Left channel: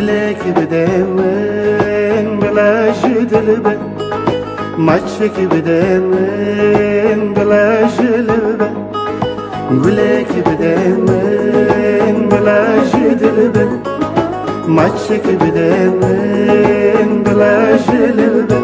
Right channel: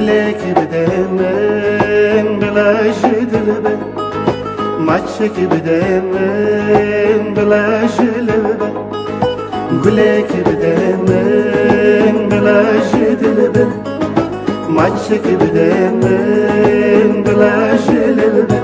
gulek bidemen bilaj dilbe maçık bidemen bilaj dilbe gulek bidemen bilaj dilbe maçık bidemen bilaj dilbe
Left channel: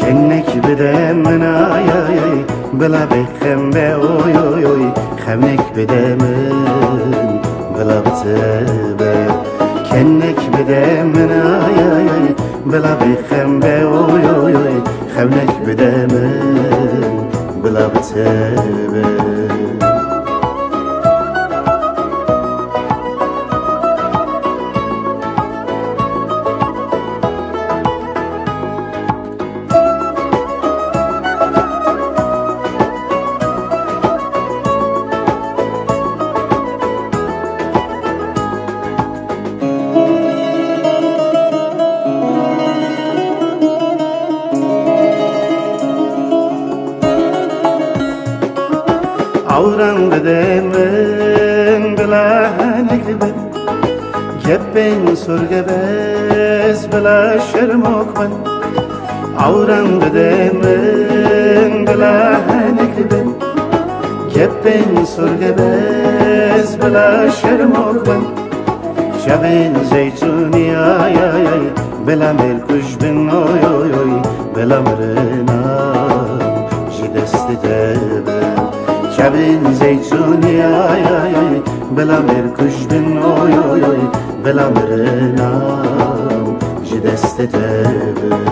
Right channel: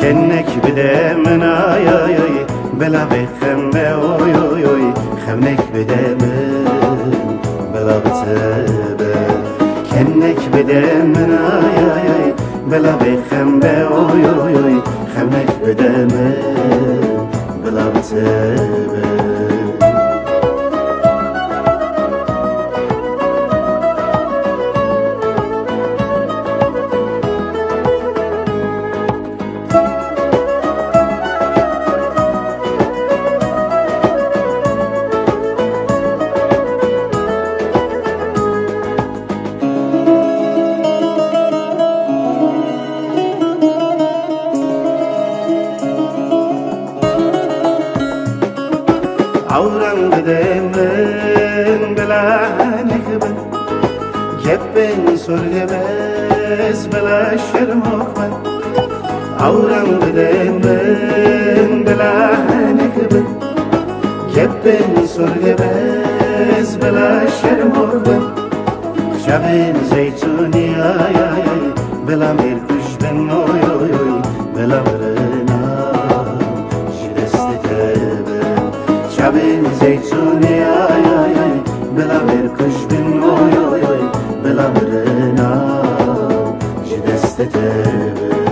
kennek bidemen ay ay ay bela bekembe oy oy oy خمك بدمن بلا بتبه كنك بدمن آي آي آي بلا بخم بأوي أوي أوي خمك بدمن بلا بتبه عوران بدمن بلا هنكبن كبن سرقبز بلا شرموكبن عوران بدمن بلا هنكبن كبن سرقبز بلا شرموكبن شبن زيتوني آي آي آي بلا ملكوش بن اوي اوي اوي بلا مرنام جلست تبن شبن زيتوني آي آي آي بلا مركش بن اوي اوي اوي بلا مرنام جدست تبن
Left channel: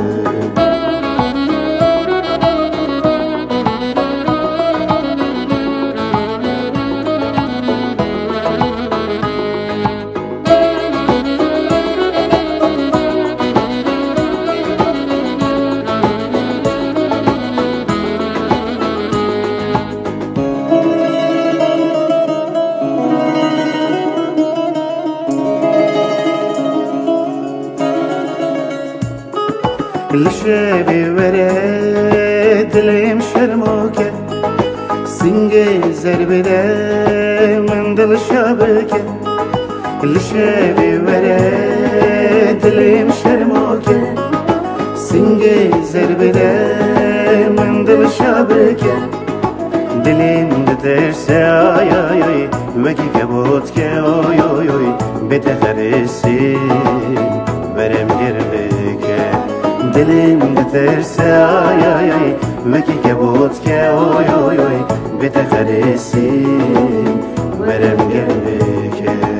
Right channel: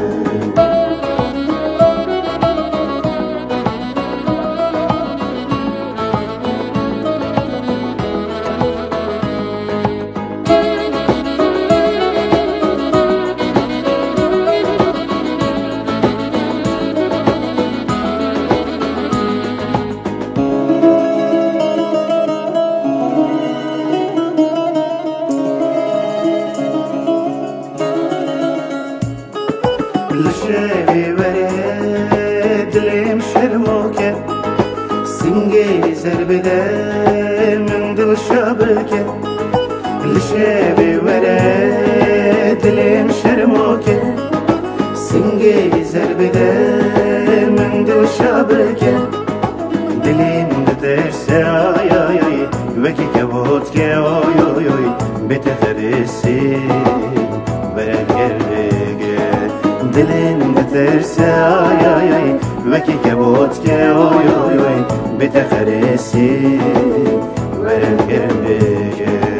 الشافي ورد ليم شرموكة سنجي زربدة من دل شابكة الشافي ورد ليم شرموكة سنجي زربدة من دل شابكة دليم دترسى آي آي آي وكي كبوتك اوي اوي اوي بتخرسين ورم قربكة دلم دترسه آی آی آی وکی کبوت که اوی اوی اوی بتخرسی ورم گربه که